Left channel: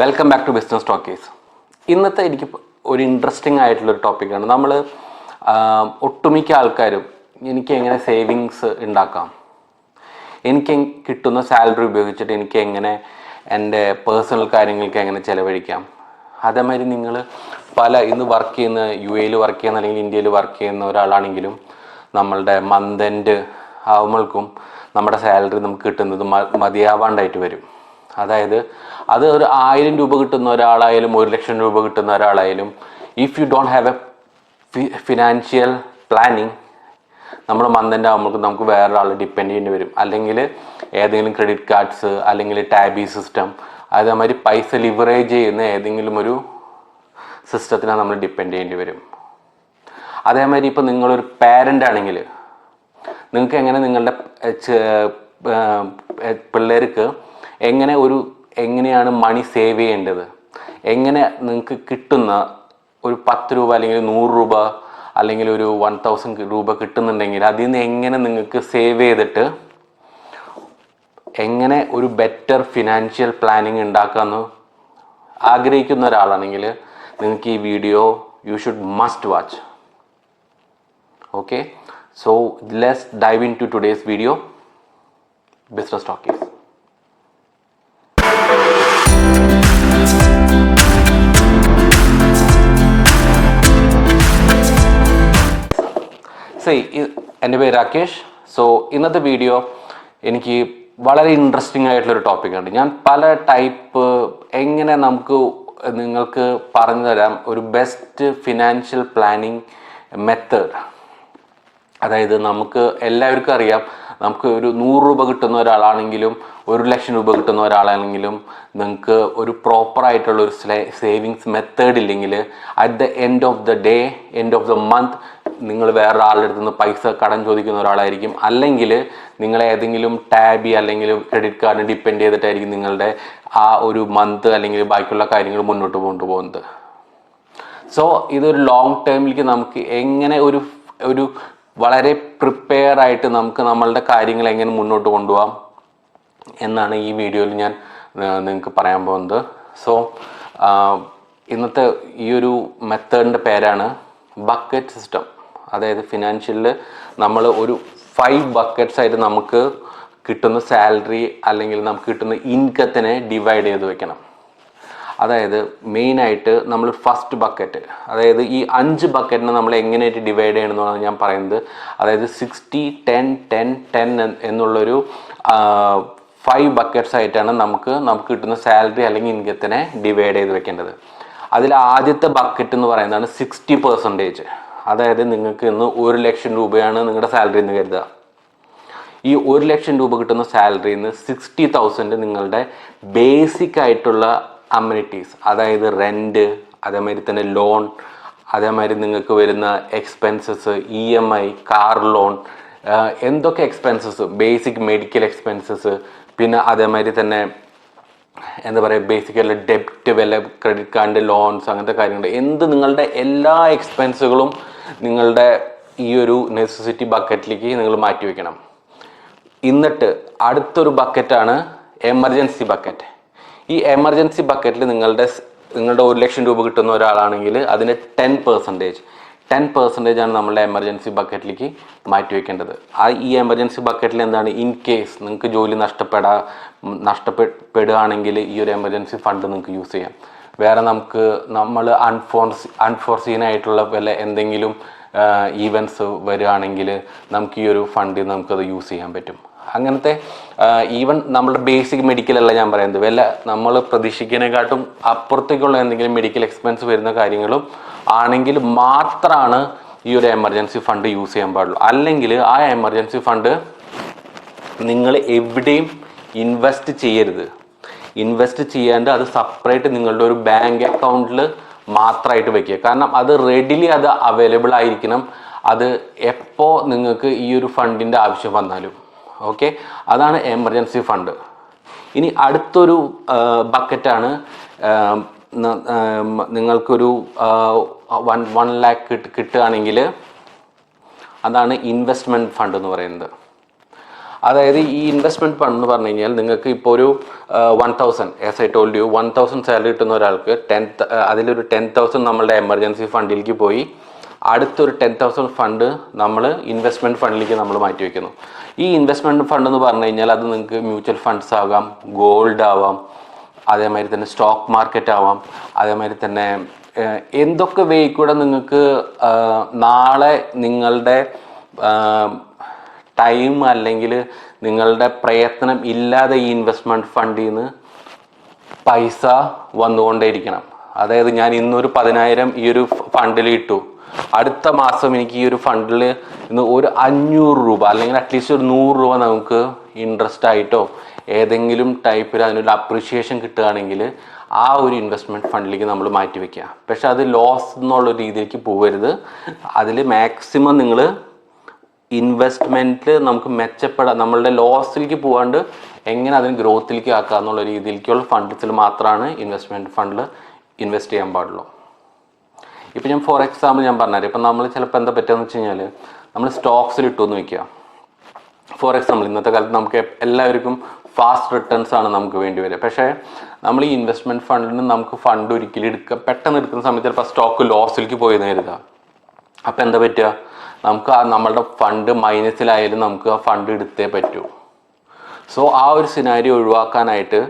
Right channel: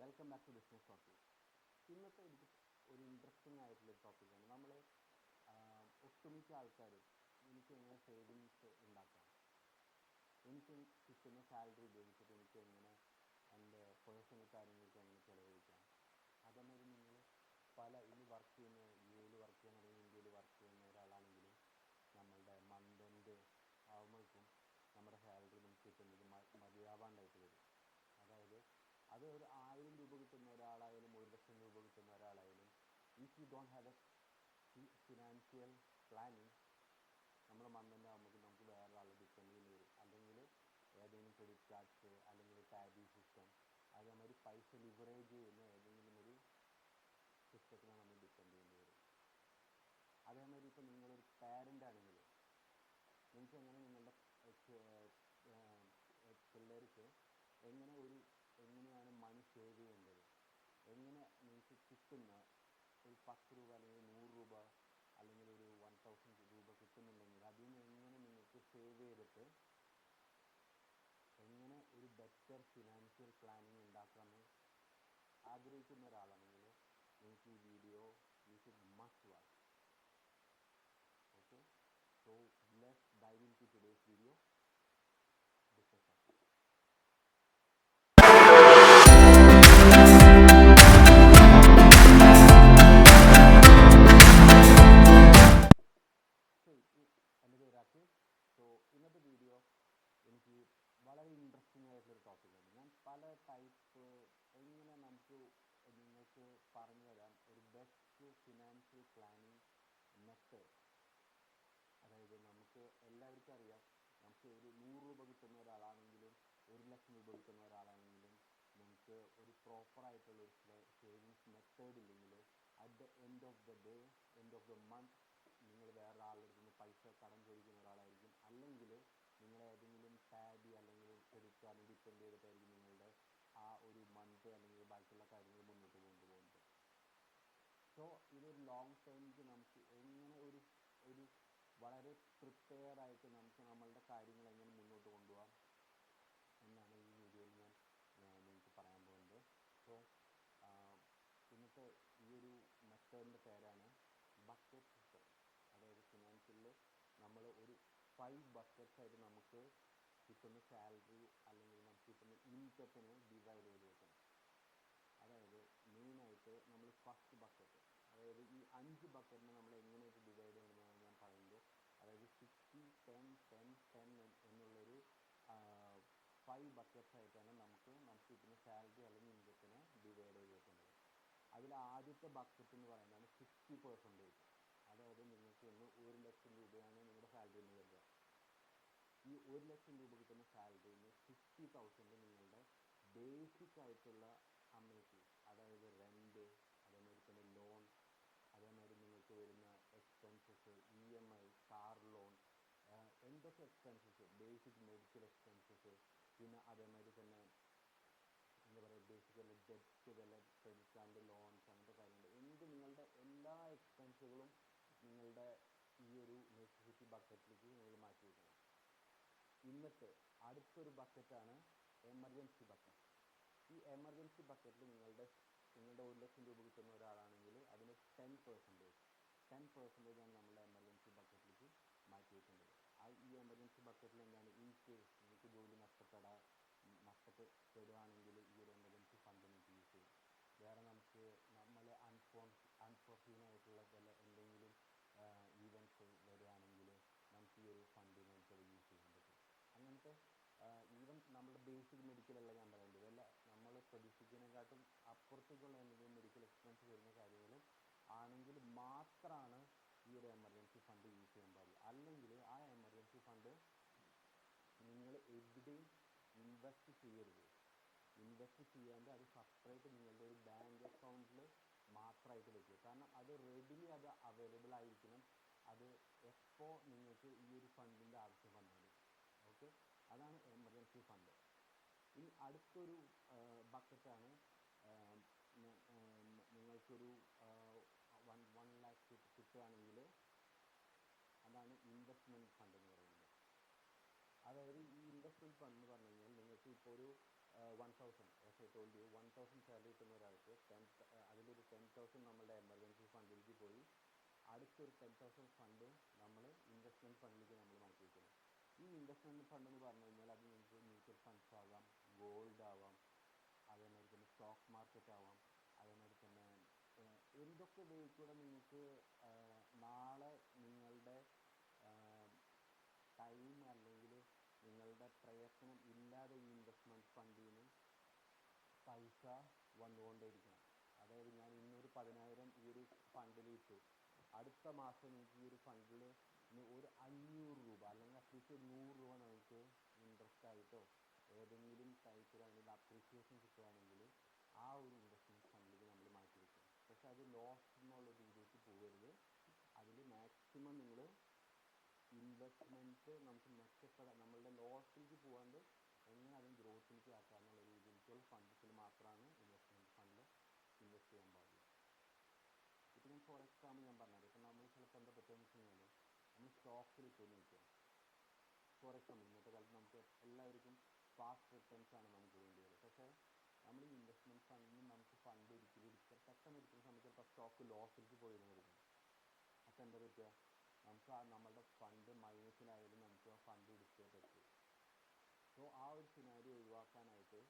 Welcome back to Business Talkies. ഇന്നത്തെ എനിക്ക് ഒരു ഇൻട്രസ്റ്റിംഗ് ആയിട്ടുള്ളൊരു ടോപ്പിക്കാണ്. നമ്മൾ ഒട്ടുമിക്ക ആൾക്കാരും എനിക്ക് എങ്ങനെ സേവിങ്സ് ഉണ്ടാക്കാം, എനിക്ക് കിട്ടുന്ന സാലറി ഉപയോഗിച്ചിട്ട് എനിക്ക് എങ്ങനെ എൻ്റെ പേഴ്സണൽ കാര്യങ്ങൾക്ക് എങ്ങനെ ചിലവഴിക്കാം. അതേമാതിരി നിങ്ങൾ ഇന്ന് വർക്ക് ചെയ്യുന്ന UAE വർക്ക് ചെയ്യുന്ന അല്ലെങ്കിൽ ഇന്ത്യയിൽ വർക്ക് ചെയ്യുന്ന ഒരാളാണെങ്കിലും നമ്മളുടെ മന്ത് എൻഡ് ആവുമ്പോഴേക്കും നമ്മുടെ സാലറി നമുക്ക് കിട്ടുന്നത് മതിയാവാണ്ടായിട്ട് വരും. അതായത് അത് ഒരു 1000 രൂപ കിട്ടുന്ന ഒരാളായാലും 1,00,000 രൂപ കിട്ടുന്ന ഒരാളായാലും if you don't have a financial planning നമ്മുടെ മന്തിൻ്റെ ആകുമ്പോൾ നമുക്ക് വേറൊരാൾ ഡിപ്പെൻഡ് ചെയ്യേണ്ടി വരും. അല്ലെങ്കിൽ ഏതെങ്കിലും ക്രെഡിറ്റ് കാർഡ്സ് അല്ലെങ്കിൽ ടാബി സിസ്റ്റം, അതേമാതിരി പൈസ ലിവറേജ് ചെയ്യുന്ന ഏതെങ്കിലും ഒരു സിസ്റ്റത്തിനെ നമ്മൾ ഡിപ്പെൻഡ് ചെയ്യേണ്ടി വരും. അതേമാതിരി ഇപ്പോൾ നിങ്ങളൊരു പാരൻ്റ് ആണെങ്കിൽ നിങ്ങൾക്ക് എങ്ങനെ നിങ്ങളുടെ പിള്ളേർക്ക് എങ്ങനെയാണ് മണി സേവ് ചെയ്യേണ്ടത്, എങ്ങനെ നിങ്ങൾക്ക് കിട്ടുന്ന ഒരു 10 രൂപ അല്ലെങ്കിൽ 100 രൂപ അല്ലെങ്കിൽ ഒരു 1000 രൂപ കിട്ടുന്നുണ്ടെങ്കിൽ അതിൽ നിന്ന് എങ്ങനെ നിങ്ങൾക്ക് സേവ് ചെയ്തിട്ട് എങ്ങനെ ഒരു ബെറ്റർ ഫിനാൻഷ്യൽ പ്ലാനിങ് ഉണ്ടാക്കാമെന്ന് ആഗ്രഹിക്കുന്ന ഒരാളാണെങ്കിൽ നിങ്ങൾക്ക് ഈ video you should must watch. Okay, so let's dive into today's video Business Talkies. എൻ്റെ പേര് രാകേഷ്. സോ ഇന്നത്തെ വീഡിയോ എനിക്ക് വളരെ ഇൻട്രസ്റ്റിംഗ് ആയിട്ടുള്ളൊരു ടോപ്പിക്കാണ്. ഞാൻ പല ടൈപ്പ് എങ്ങനെ നിങ്ങൾക്ക് പറഞ്ഞു തരാം ഒരു ബെസ്റ്റ് ഫിനാൻഷ്യൽ പ്ലാനിങ് മെത്തേഡ്. അതായത് നമുക്ക് എല്ലാവർക്കും അറിയാം, നമുക്ക് ഒരു 100 രൂപ കിട്ടുന്ന ഒരാളാണെങ്കിലും 1,00,000 രൂപ കിട്ടുന്ന ഒരാളാണെങ്കിലും നിങ്ങൾക്ക് ഒരു പ്രോപ്പറായിട്ടുള്ള ഒരു സേവിങ്സ് മെത്തേഡ് ഇല്ലെങ്കിൽ at the end of the day, end of the month നിങ്ങൾ വേറൊരാളുടെ അടുത്ത് നിന്ന് പൈസ കടം ചോദിക്കുന്ന ഒരാളായിരിക്കും. അല്ലെങ്കിൽ നിങ്ങൾ ഏതെങ്കിലും ടാബി അല്ലെങ്കിൽ ക്രെഡിറ്റ് കാർഡിന് ഡിപ്പെൻഡ് ചെയ്തിട്ടായിരിക്കും നിങ്ങളുടെ ആ ഒരു മന്ത് അല്ലെങ്കിൽ ബാക്കിയുള്ള കാര്യങ്ങൾ മുന്നോട്ട് കൊണ്ടുപോകുന്നത്. സോ ഇതൊരു ലോങ് ടേമിലേക്ക് നമുക്ക് എങ്ങനെ ഒരു വളരെ പ്രിപ്പയർ ആയിട്ട് നമുക്ക് നമ്മളുടെ കാര്യങ്ങൾ എങ്ങനെ മുന്നോട്ട് കൊണ്ടുപോകാം എന്നാണ് ഈ വീഡിയോയിൽ ഞാൻ നിങ്ങൾക്ക് പറയാൻ പോകുന്നത്. സോ ഇന്നത്തെ ഈ ഒരു മെത്തേഡിൻ്റെ പേരാണ് ബക്കറ്റ് സിസ്റ്റം. അതായത് ഫിനാൻഷ്യലിൽ നമ്മൾ ഒരു 5 ബക്കറ്റ്സ് ആയിട്ട് നമുക്ക് കിട്ടുന്ന സാലറി അല്ലെങ്കിൽ നമുക്ക് കിട്ടുന്ന ഇൻകത്തിനെ ഡിവൈഡ് ചെയ്ത് വെക്കണം. അതായത് മെയിനായിട്ട് നമ്മൾ ഫസ്റ്റ് ബക്കറ്റ്, അതായത് ഈ 5 ബക്കറ്റിനെ നമ്മൾ എങ്ങനെയായിട്ട് ഡിവൈഡ് ചെയ്യണമെന്നാണ് ഞാൻ പറയുന്നത്. അതായത് 60, 10, 10, 10 എന്നുള്ളൊരു 5 ബക്കറ്റ്സ് ആയിട്ടാണ് നമുക്ക് കിട്ടുന്ന സാലറി അല്ലെങ്കിൽ ഇൻകത്തിനെ ഡിവൈഡ് ചെയ്ത് വെക്കേണ്ടത്. അതിൽ ആദ്യത്തെ ബക്കറ്റ് എന്ന് പറയുന്നതാണ് 60%. അതായത് നിങ്ങൾക്ക് ഇന്ന് 1,00,000 രൂപയാണ് നിങ്ങളുടെ സാലറി എന്ന് കരുതുക. ഈ 1,00,000 രൂപ കിട്ടുന്ന സാലറിയിൽ നിന്ന് 60,000 നിങ്ങളുടെ ബേസിക് ആയിട്ടുള്ള അമ്യൂണിറ്റീസ്, അതായത് റെൻറ്റ്, അതേമാതിരി തന്നെ ലോൺ, അതേമാതിരി നിങ്ങൾക്ക് വരുന്ന എക്സ്പെൻസസ്, EMI, കാർ ലോൺ, എന്തൊക്കെ എക്സ്പെൻസസ്, ബേസിക് മെഡിക്കൽ എക്സ്പെൻസസ്, പിന്നെ അതേമാതിരി തന്നെ എന്താ പറയുക ബേസിക്കലി ഡെപ്റ്റ്, വല്ല ക്രെഡിറ്റ് കാർഡിൻ്റെ ലോൺസ്, അങ്ങനത്തെ കാര്യങ്ങൾ, നിങ്ങളുടെ എല്ലാ എക്സ്പെൻസുകളും നിങ്ങളുടെ ഈ ഒരു നെസസിറ്റി ബക്കറ്റിലേക്ക് നിങ്ങൾ മാറ്റി വയ്ക്കണം. എന്നിട്ട് അടുത്തൊരു ബക്കറ്റാണ് എമർജൻസി ബക്കറ്റ്. ഈ എമർജൻസി ബക്കറ്റിൽ നിങ്ങളുടെ 1,00,000 രൂപ കിട്ടുന്ന ഒരാളാണെങ്കിൽ അതിന് 10% ആണ് നമ്മളുടെ എമർജൻസി ബക്കറ്റിലേക്ക് മാറ്റി വയ്ക്കേണ്ടത്. ഈ എമർജൻസി ബക്കറ്റിൽ എന്താണ്, ഇൻ കേസ് നിങ്ങൾക്ക് ജോലി നഷ്ടപ്പെടുകയാണെങ്കിൽ ഈ ഒരു എമർജൻസി ഫണ്ട് നിങ്ങൾക്ക് യൂസ് ചെയ്യാം. വേറെ നമ്മൾ അൺഫോർസീൻ ആയിട്ടുള്ള വല്ല എന്തെങ്കിലും ഈവൻസ് വരികയാണെങ്കിൽ നമുക്ക് ഈ ഒരു ഫണ്ട് നമുക്കത് യൂസ് ചെയ്യാൻ പറ്റും. അങ്ങനത്തെ ഈവൻ നമ്മളുടെ ബേസിക് മെഡിക്കലല്ല ഞാൻ പറയുന്നത്, വല്ല നമ്മൾ പ്രതീക്ഷിക്കുന്നതിനെക്കാട്ടും അപ്പുറത്തേക്കുള്ള എന്തെങ്കിലും മെഡിക്കൽ എക്സ്പെൻസ് വരുന്ന കാര്യങ്ങളും ആണെങ്കിൽ മാത്രമാണ് ഈ ഒരു എമർജൻസി ഫണ്ട് യൂസ് ചെയ്യാൻ പാടുള്ളൂ. അല്ലെങ്കിൽ ആ എമർജൻസി ഫണ്ട് നിങ്ങൾ എവിടെയും ഇൻവെസ്റ്റ് ചെയ്യരുത്. ഇൻവെസ്റ്റ് ചെയ്യാണ്ട് അത് സെപ്പറേറ്റ് നിങ്ങളുടെ ഒരു ബാങ്ക് അക്കൗണ്ടിൽ മാത്രമായിട്ട് വെക്കുക. കാരണം അത് റെഡിലി അത് അവൈലബിൾ ആയിരിക്കണം, അത് എപ്പോൾ നിങ്ങൾക്ക് ഈ ഒരു ഫണ്ടിൻ്റെ ആവശ്യം വന്നാലും. ഓക്കെ, അതാണ് എമർജൻസി ഫണ്ട്. ഇനി അടുത്തൊരു ബക്കറ്റാണ് നിങ്ങൾക്കൊരു 1 lakh കിട്ടുകയാണെങ്കിൽ അതാണ് ഇൻവെസ്റ്റ്മെൻറ്റ് ഫണ്ട് എന്ന് പറയുന്നത്. അതായത് ഈ ഇൻവെസ്റ്റ്മെൻറ്റ് ഫണ്ട് എന്ന് പറഞ്ഞു കഴിഞ്ഞാൽ നിങ്ങൾക്ക് ഇപ്പോൾ ഒരു 1000 as I told you 1000 salary കിട്ടുന്ന ഒരാൾക്ക് അതിലൊരു 10,000 നമ്മളുടെ എമർജൻസി ഫണ്ടിലേക്ക് പോയി അടുത്തൊരു 10,000 ഫണ്ട് നമ്മൾ ഇൻവെസ്റ്റ്മെൻറ്റ് ഫണ്ടിലേക്ക് നമ്മൾ മാറ്റി വയ്ക്കുന്നു. ഈ ഇൻവെസ്റ്റ്മെൻറ്റ് ഫണ്ട് എന്ന് പറഞ്ഞു കഴിഞ്ഞാൽ അത് നിങ്ങൾക്ക് മ്യൂച്വൽ ഫണ്ട്സ് ആകാം, ഗോൾഡ് ആവാം, അതേമാതിരി തന്നെ സ്റ്റോക്ക് മാർക്കറ്റ് ആവാം, അതേമാതിരി തന്നെ എന്തൊക്കെ വേ കൂടെ നിങ്ങൾക്ക് നാളെ നിങ്ങളുടെ ടൈം അല്ലെങ്കിൽ നിങ്ങളുടെ പ്രയത്നം ഇല്ലാതെ ഈ ഇൻവെസ്റ്റ്മെൻറ്റ് ഫണ്ടിൽ നിന്ന് പൈസ വന്നുകൊണ്ടേയിരിക്കണം. അതായത് ഞാൻ ഇന്നൊരു 10,000 ഈ ഒരു ഫണ്ടിൽ ഇട്ടു, അടുത്ത മാസം എനിക്ക് ഈ ഒരു ഫണ്ടിൽ ഇന്ന് ഒരു 500 രൂപ അല്ലെങ്കിൽ അറ്റ്ലീസ്റ്റ് ഒരു 100 രൂപ നമുക്ക് ഇൻട്രസ്റ്റ് ആയിട്ടോ ഏതെങ്കിലും ടൈപ്പിൽ അതിനൊരു അപ്രിഷിയേഷൻ കിട്ടുകയാണെങ്കിൽ ആ ഒരു ഇൻവെസ്റ്റ്മെൻറ്റ് ഫണ്ടിലേക്ക് നമ്മൾ മാറ്റി വയ്ക്കുക. പക്ഷെ അത് ലോസ് എന്നുള്ള രീതിയിലേക്ക് പോകരുത്. അതിൽ മാക്സിമം നിങ്ങൾ ഇൻവെസ്റ്റ്മെൻറ്റിൽ നമുക്ക് മെച്ചപ്പെടാം, നമ്മളുടെ ലോസിലേക്ക് പോകാണ്ട് എങ്ങനെ അതിന് ഗ്രോത്തിലേക്ക് ആക്കുക എന്നുള്ള രീതിയിലേക്കുള്ള ഫണ്ട്സിൽ മാത്രമാണ് ഇൻവെസ്റ്റ്മെൻറ്റ് ഫണ്ടിൽ ഇൻവെസ്റ്റ് ചെയ്യാൻ പാടുള്ളൂ. ഇപ്പം ഞാൻ ഫോർ എക്സാമ്പിൾ ഞാൻ പറഞ്ഞുതരാം. ഇപ്പം നമ്മൾ ചിലപ്പോൾ എന്താ പറ്റുകയെന്ന് വെച്ച് കഴിഞ്ഞാൽ നമ്മൾ സ്റ്റോക്സിൽ ഇട്ടു എന്ന് വയ്ക്കുക. ഫോർ എക്സാമ്പിൾ ഇന്നത്തെ കാലത്ത് നമുക്ക് എല്ലാവർക്കും ഫാസ്റ്റ് റിട്ടേൺസ് ആണ് നമുക്ക് വേണ്ടി വരിക. പക്ഷേ നമ്മൾ ഈ ഇൻവെസ്റ്റ്മെൻറ്റ് ഫണ്ടിൽ നിന്ന് നമുക്ക് ഫണ്ട് ഒരിക്കലും പെട്ടെന്ന് എടുക്കുന്ന സമയത്ത് ചിലപ്പോൾ സ്റ്റോക്ക് ലോസിലേക്ക് പോയി കരുതുക. അപ്പോൾ എന്താ പറ്റുക, നമുക്ക് നമ്മളുടെ ഫണ്ട് മൈനസിലായാലും നമുക്ക് ആ ഫണ്ട് എടുത്തേ പറ്റൂ. സോ ആ ഒരു സിനാരി ഒഴിവാക്കാനായിട്ട്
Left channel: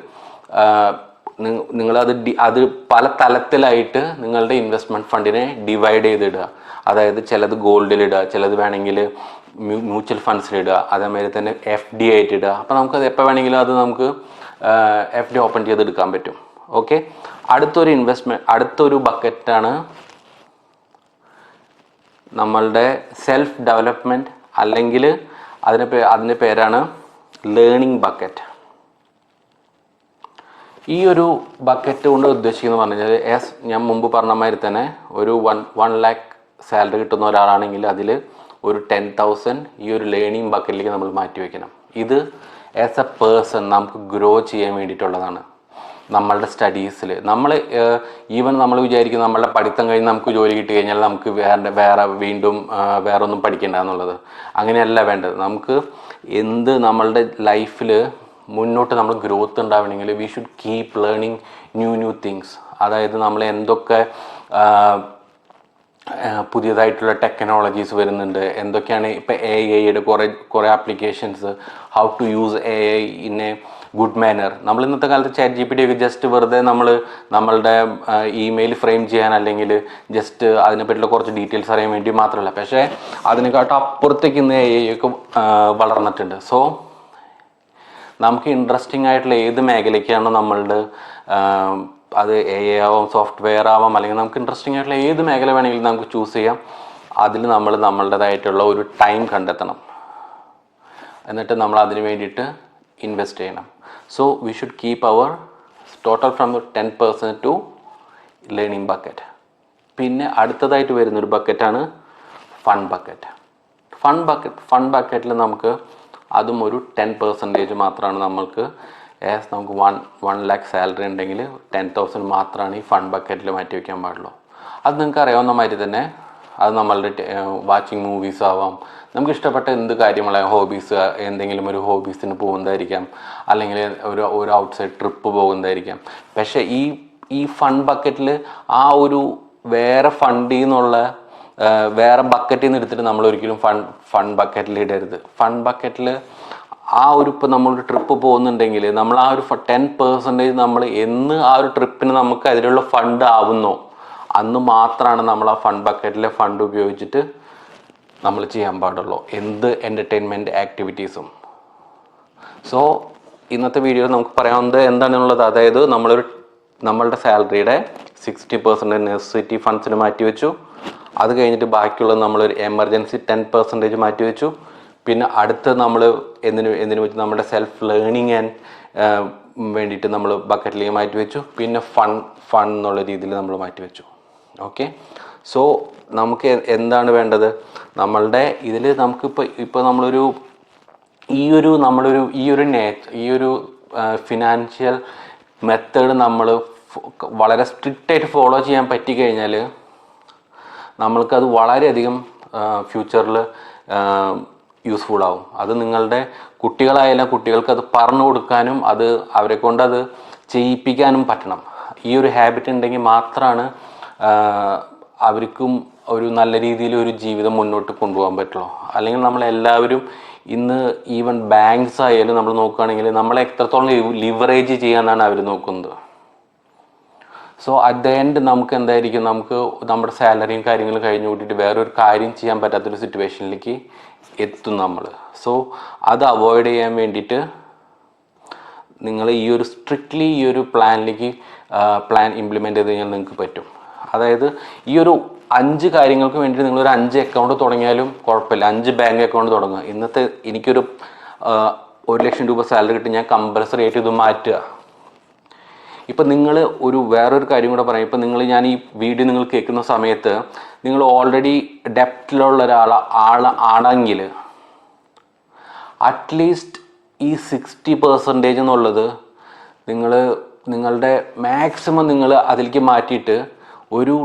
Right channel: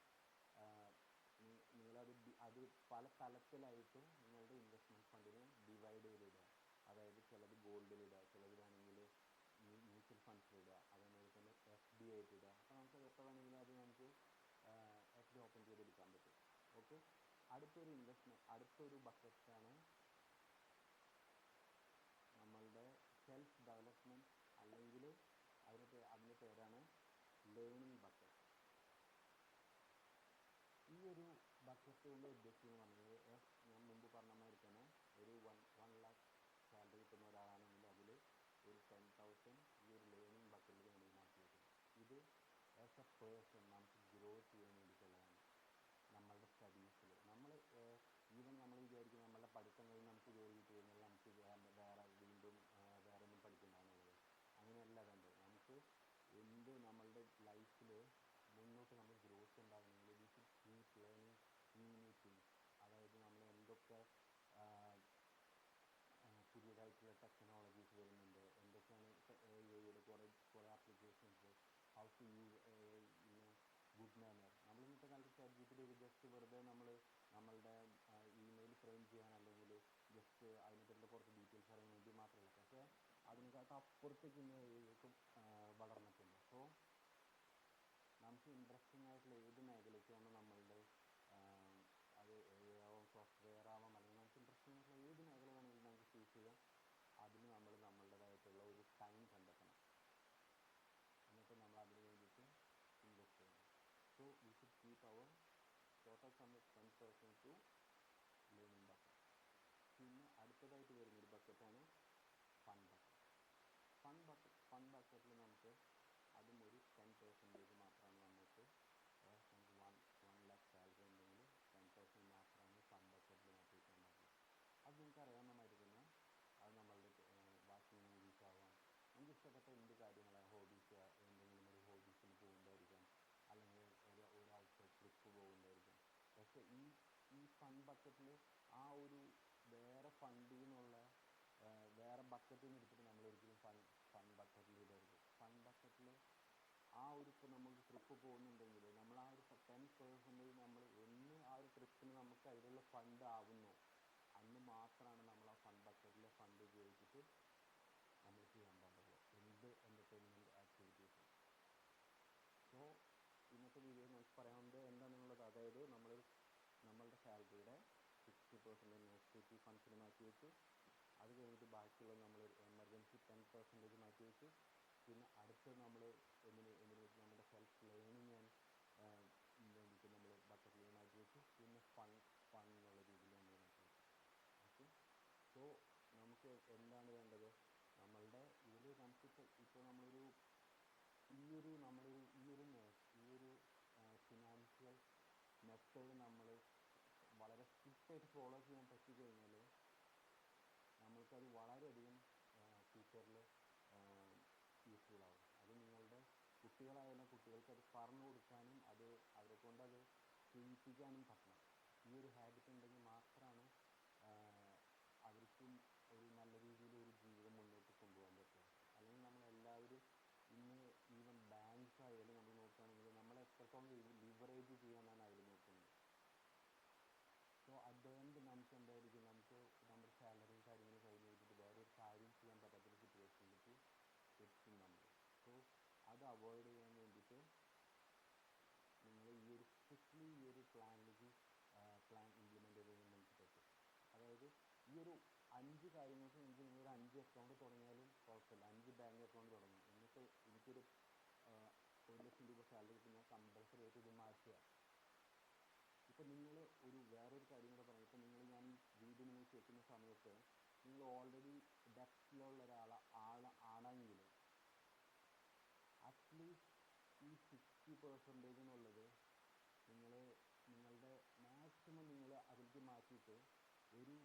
നിങ്ങളത് അത് പല തലത്തിലായിട്ട് നിങ്ങളുടെ ഇൻവെസ്റ്റ്മെൻറ്റ് ഫണ്ടിനെ ഡിവൈഡ് ചെയ്തിടുക. അതായത് ചിലത് ഗോൾഡിലിടുക, ചിലത് വേണമെങ്കിൽ മ്യൂച്വൽ ഫണ്ട്സിലിടുക, അതേമാതിരി തന്നെ FD ആയിട്ടിടുക. അപ്പോൾ നമുക്കത് എപ്പോൾ വേണമെങ്കിലും അത് നമുക്ക് FD ഓപ്പൺ ചെയ്തെടുക്കാൻ പറ്റും. ഓക്കെ, അടുത്തൊരു ബക്കറ്റാണ് നമ്മളുടെ സെൽഫ് ഡെവലപ്മെൻറ്റ്, അല്ലെങ്കിൽ അതിൻ്റെ പേരാണ് ലേണിംഗ് ബക്കറ്റ്. ഈ ഒരു ബക്കറ്റ് കൊണ്ട് ഉദ്ദേശിക്കുന്നത് പറഞ്ഞു കഴിഞ്ഞാൽ ഞാൻ മുമ്പ് പറഞ്ഞ മാതിരി തന്നെ ഒരു 1 lakh സാലറി കിട്ടുന്ന ഒരാളാണെങ്കിൽ അതിൽ ഒരു 10,000 ഈ ഒരു ലേണിംഗ് ബക്കറ്റിലേക്ക് നമ്മൾ മാറ്റി വയ്ക്കണം. ഇത് ആസ് എ പേഴ്സൺ നമുക്ക് ഗ്രോ ചെയ്യാൻ വേണ്ടിയിട്ടുള്ളതാണ്. നമ്മളുടെ സ്റ്റഡീസിൽ ഈവൻ നമ്മൾ വിചാരിക്കും നമ്മളുടെ പഠിത്തം കഴിഞ്ഞ് നമുക്ക് ജോലി കിട്ടി കഴിഞ്ഞാൽ നമുക്ക് വീണ്ടും വേറെ ഒന്നും പഠിക്കേണ്ട എന്നുള്ളത്. അങ്ങനെയല്ല വേണ്ടത്. നമുക്ക് നമ്മളുടെ ലൈഫിൽ മുന്നോട്ട് നമ്മൾ ഗ്രോത്ത് ഉണ്ടാവണമെങ്കിൽ we should keep learning new things. അതായത് നമ്മൾ എന്തൊക്കെ പുതിയതായിട്ടുള്ള ടെക്നോളജീസ് വരുന്നുണ്ട്, എന്തൊക്കെയാണ് ഇപ്പോൾ AI കുറേ applications, how to use AI in a good manner. നമ്മൾ ഇന്നത്തെ കാലത്ത് ChatGPT ഒക്കെ ജസ്റ്റ് വെറുതെ നമ്മളുടെ ഇമെയിൽ ഫ്രെയിം ചെയ്യാൻ അല്ലെങ്കിൽ ജസ്റ്റ് അതിനെപ്പറ്റിയുള്ള കുറച്ച് ഡീറ്റെയിൽസ് അറിയാൻ വേണ്ടി മാത്രമല്ല, പക്ഷേ അതിനെക്കാട്ടും അപ്പുറത്തേക്ക് ഇന്ന് AI ഒക്കെ വളർന്നിട്ടുണ്ട്. സോ നമുക്ക് ഇൻട്രസ്റ്റിംഗ് ആയിട്ടുള്ള ഏത് മേഖലയ്ക്കാണോ നമ്മളുടെ അത് AI ആവാം, സോഫ്റ്റ്വെയർ ആവാം, അല്ലെങ്കിൽ നമുക്ക് ഇൻട്രസ്റ്റിംഗ് ആയിട്ടുള്ള ഏത് മേഖല വേണമെങ്കിലും നമുക്ക് ചൂസ് ചെയ്യാം. അതിൽ നമ്മളുടേതായിട്ടുള്ള ഒരു ടൈം കണ്ടെത്തണം, എന്നിട്ട് നമ്മൾ അതിന് വേണ്ടിയിട്ട് ഇൻവെസ്റ്റ് ചെയ്യണം. So we should keep our total from 10% to learning bucket. പിന്നെ അടുത്തതായിട്ട് വരുന്നൊരു ബക്കറ്റാണ് ഫണ്ട് ബക്കറ്റ്. ഫണ്ട് ബക്കറ്റിൽ നമുക്ക് അതും ഒരു 10% മാത്രമാണ് നമുക്ക് നമുക്ക് 1 lakh സാലറി ഉണ്ടെങ്കിൽ 10,000 മാത്രമാണ് ഈ ഫണ്ട് ബക്കറ്റിൽ മാറ്റി വയ്ക്കാൻ പാടുള്ളൂ. അത് നിങ്ങൾക്ക് അറിയാവുന്ന മാതിരി തന്നെ അത് നമ്മളുടെ വാച്ചിങ് മൂവീസ് ആവാം, നമുക്ക് ഇഷ്ടപ്പെട്ട എന്ത് കാര്യങ്ങളായ ഹോബീസ്, എന്തെങ്കിലും ഒരു ഹോബീസിന് പോകുന്നതായിരിക്കാം, അല്ലെങ്കിൽ ഒരു ഔട്ട്സൈഡ് ട്രിപ്പ് പോകുന്നതായിരിക്കാം. പക്ഷേ ഈ ഫണ്ട് ബക്കറ്റിൽ ആ ഒരു വേറെ ഫണ്ടിൽ നിന്നുള്ള വേറെ ബക്കറ്റിൽ നിന്ന് എടുത്തിട്ട് നമ്മൾ ഒരിക്കലും ഫണ്ട് ബക്കറ്റിൽ ഇടരുത്. ഫണ്ട് ബക്കറ്റിൽ ഇപ്പോൾ നമ്മളൊരു ട്രിപ്പ് പോകുന്നുണ്ടെങ്കിൽ നമ്മൾ ആ ഒരു 10% നമ്മൾ ആ ഒരു ട്രിപ്പിന് നമുക്ക് അതിലുള്ള ഫണ്ട് ആവുന്നോ അന്ന് മാത്രമാണ് നമ്മൾ ആ ഫണ്ട് ബക്കറ്റിലെ ഫണ്ട് ഉപയോഗിച്ചിട്ട് നമ്മൾ ചെയ്യാൻ പാടുള്ളൂ എന്ത് എൻ്റർടൈൻമെൻറ്റ് ആക്ടിവിറ്റീസും. സോ ഇന്നത്തെ വീഡിയോയിൽ നമുക്ക് പറയാവുന്നത് എന്താണെന്നുള്ളത്, അതായത് നമ്മളുടെ സാലറിയുടെ 60% നെസസിറ്റി ഫണ്ട്സിന് മാറ്റി വെച്ചു. അത് കഴിഞ്ഞിട്ട് ബാക്കിയുള്ളത് നമ്മളൊരു എമർജൻസി 10% മാറ്റി വെച്ചു. പിന്നെ അടുത്ത് നമ്മൾ എന്തിനു വെച്ച് നമ്മുടെ സെൽഫ് ലേണിംഗ് വേണ്ടിയിട്ട് നമ്മൾ ബക്കറ്റിലേക്ക് മാറ്റി വെച്ചു. പിന്നെ ഫൺ എന്നുള്ള രീതിയിൽ നമ്മൾ മാറ്റി വെച്ചു. ഓക്കെ, സോ നമുക്ക് എന്താണ് വേണ്ടത്, നമ്മളുടെ ഇതിൽ ഇപ്പോൾ നമ്മളൊരു ഈ ഒരു ഫിനാൻഷ്യൽ മെത്തേഡ് നമ്മൾ വളരെ സ്ട്രിക്റ്റായിട്ട് ഫോളോ ചെയ്യാൻ പറ്റിക്കഴിഞ്ഞാൽ നമ്മൾക്കത് വളരെയധികം ഫ്യൂച്ചറിൽ യൂസ്ഫുൾ ആവും. അത് നിങ്ങളുടെ കുട്ടികളായാലും കുട്ടികൾക്ക് അത് പറഞ്ഞു കൊടുക്കാനും അത് അവരെ കൊണ്ട് അത് ചെയ്യിപ്പിക്കാനും പറ്റണം. ഈ ഒരു ഹാബിറ്റ് ഉണ്ടെങ്കിൽ മാത്രമാണ് അവർക്കും ഒരു നല്ല രീതിയിൽ ഒരു ജീവിതം മുന്നോട്ട് കൊണ്ടുപോകാൻ പറ്റുള്ളൂ. അല്ലെങ്കിൽ നമ്മളെല്ലാവരും ഇന്ന് ഈവൻ ബാങ്ക്സ് ആയാലും നമ്മൾ നോക്കുകയാണെങ്കിൽ നമ്മളെ എത്രത്തോളം ലിവറേജ് ചെയ്യാന്നാണ് അവർ നോക്കുന്നത്. സോ അറ്റ് ദ എൻഡ് നമുക്ക് എന്തായിരിക്കും, നമുക്ക് നമ്മുടെ സാലറിയും കാര്യങ്ങളും കഴിഞ്ഞു കൂട്ടിയിട്ട് വേറൊരു കാര്യം ചെയ്യാൻ പറ്റാത്തൊരു സിറ്റുവേഷനിലേക്ക് എത്തും നമ്മൾ. സോ അത് അവോയ്ഡ് ചെയ്യാൻ വേണ്ടിയിട്ട് നിങ്ങൾ ഈ ഒരു സ്ട്രിക്ട്ലി ഈ ഒരു പ്ലാൻ ഇംപ്ലിമെൻറ്റ് ചെയ്ത് കഴിഞ്ഞാൽ നിങ്ങൾക്ക് പറ്റും. അതായത് ഈ ഒരു 5 കാര്യങ്ങൾക്ക് വേണ്ടിയിട്ട് നിങ്ങളൊരു 5 അക്കൗണ്ട് തുടങ്ങിയാലും കുഴപ്പമില്ല. 5 ബാങ്ക് അക്കൗണ്ട് തുടങ്ങുക. ഇന്നത്തെ എനിക്കൊരു 1 ലക്ഷം രൂപ സാലറി കിട്ടി, ഞാൻ കമ്പൽസറി ആയിട്ട് ഇത് മാറ്റുക. ഇപ്പം നിങ്ങൾ വേറൊരു കാര്യം കൂടെ പറയാം. ഇപ്പം ഞാൻ ഈ വീഡിയോ നിങ്ങൾ കേൾക്കുന്ന സമയത്ത് നിങ്ങൾ ഓൾറെഡി ഡെപ്റ്റിലുള്ള ആണെങ്കിൽ അറ്റ്ലീസ്റ്റ് ഈ 60% എന്നുള്ളത് നിങ്ങളുടെ മാക്സിമം നിങ്ങൾ അതിലേക്ക് മാറ്റിയിട്ട് ഒരു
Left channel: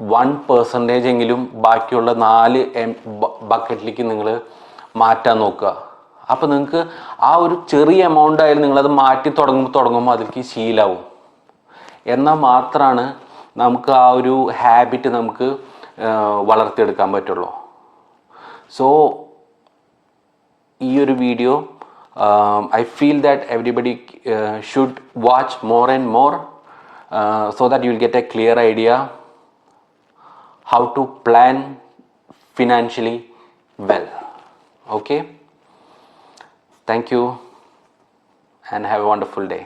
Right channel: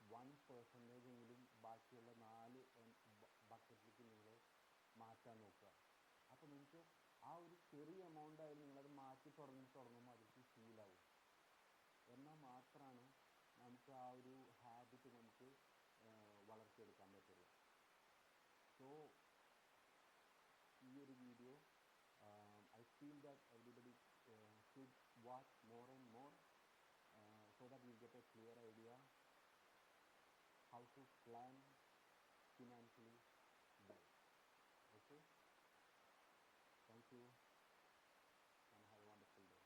1% എങ്കിലും ബാക്കിയുള്ള 4 ബക്കറ്റിലേക്ക് നിങ്ങൾ മാറ്റാൻ നോക്കുക. അപ്പോൾ നിങ്ങൾക്ക് ആ ഒരു ചെറിയ എമൗണ്ട് ആയാലും നിങ്ങളത് മാറ്റി തുടങ്ങുമ്പോൾ അതിലേക്ക് ശീലാവും. എന്നാൽ മാത്രമാണ് നമുക്ക് ആ ഒരു ഹാബിറ്റ് നമുക്ക് വളർത്തിയെടുക്കാൻ പറ്റുള്ളൂ. സോ ഈ ഒരു video I feel that everybody should watch more and more so that you will get a clear idea how to plan financially well. Okay? Thank you and have a wonderful day.